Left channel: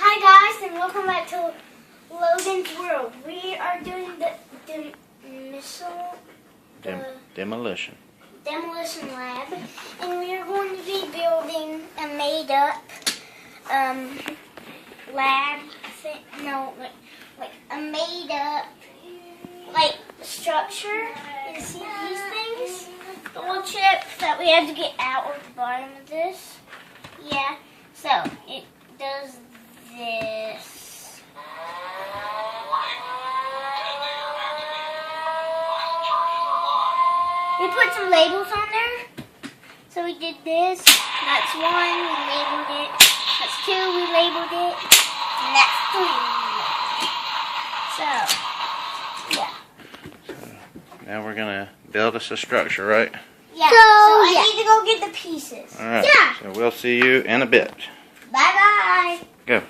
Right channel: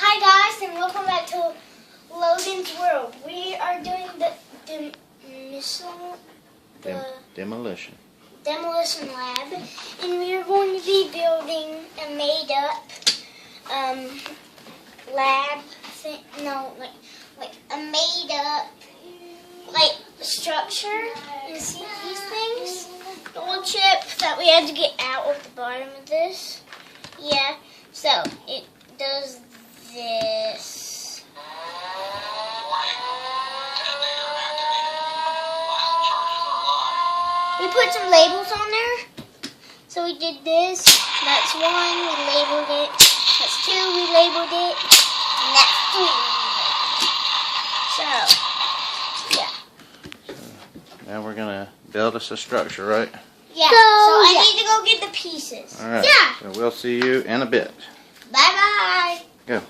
Hi guys, and welcome back to Logan's World. We are doing the Demolition lab, and we are going to be building a made-up lab thing. No, like a made-up structure. You see these things? The little chip that we had to get out of the bottom of this. Yeah. So it does this. We put some labels on there. So we did this. That's one. We labeled it. That's two. We labeled it. And that's three. So, yeah. Now we're gonna build us a structure, right? Yeah. So I need to go get the pieces. All right. Yeah. So we'll see you in a bit. Bye bye. Go.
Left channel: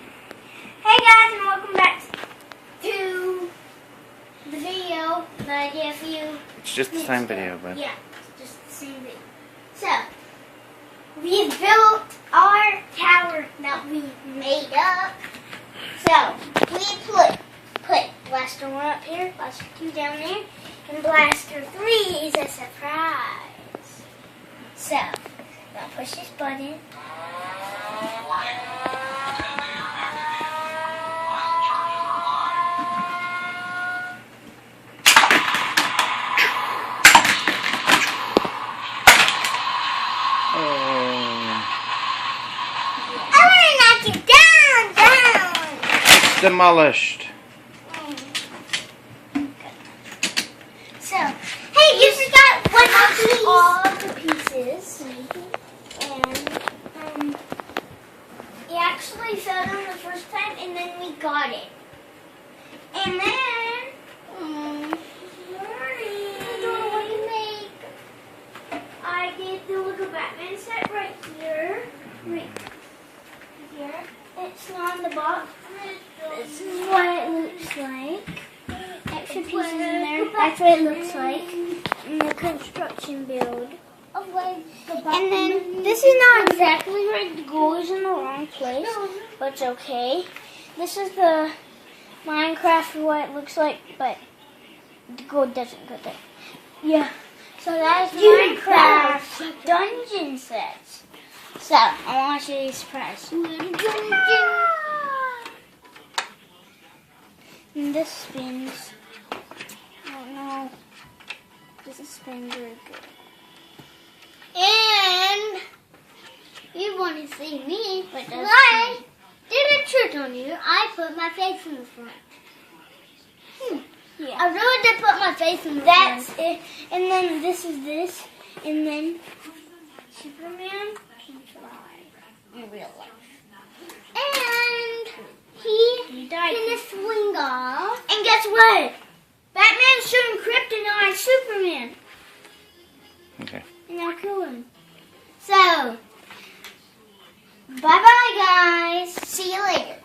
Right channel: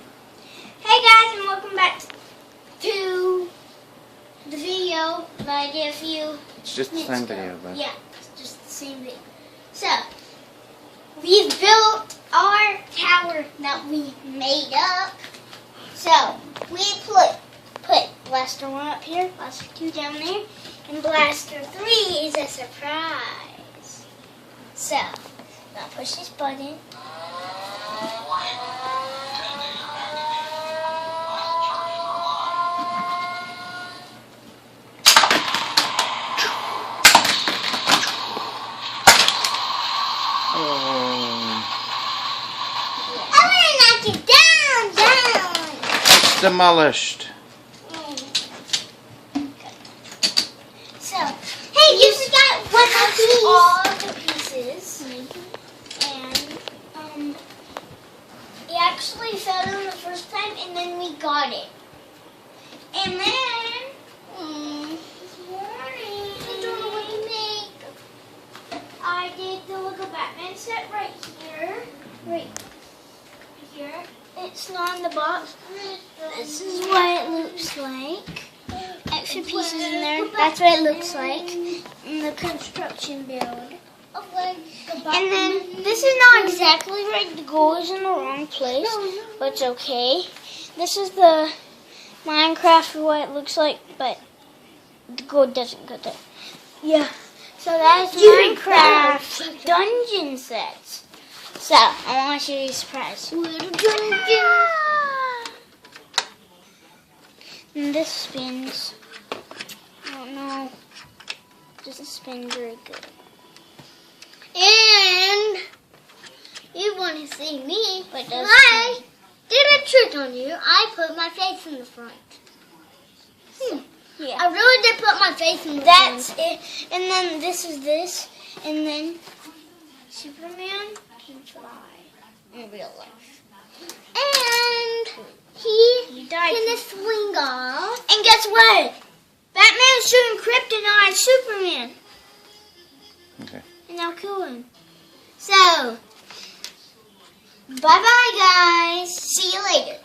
Hey guys, and welcome back to the video that I did a few. It's just the same video, but Yeah, it's just the same video. So, we built our tower that we made up. So, we put Blaster 1 up here, Blaster 2 down there, and Blaster 3 is a surprise. So, now push this button. demolished. So, hey, you forgot one of all the pieces, and it actually fell down the first time, and then we got it, and then I did the little Batman set right here, It's not in the box. This is what it looks like. Extra pieces in there. That's what it looks like in the construction build. And then this is not exactly right. The gold is in the wrong place, but it's okay. This is the Minecraft what it looks like, but the gold doesn't go there. Yeah. So that's Minecraft dungeon sets. So, I want to show you a surprise. And this spins. I don't know. It doesn't spin very good. And you want to see me, but does I did a trick on you. I put my face in the front. Yeah. I really did put my face in the front. That's it. And then this is this. And then Superman can fly in real life. And he can swing off. And guess what? Batman's shooting kryptonite Superman. Okay. And I'll kill him. So, bye-bye, guys. See you later.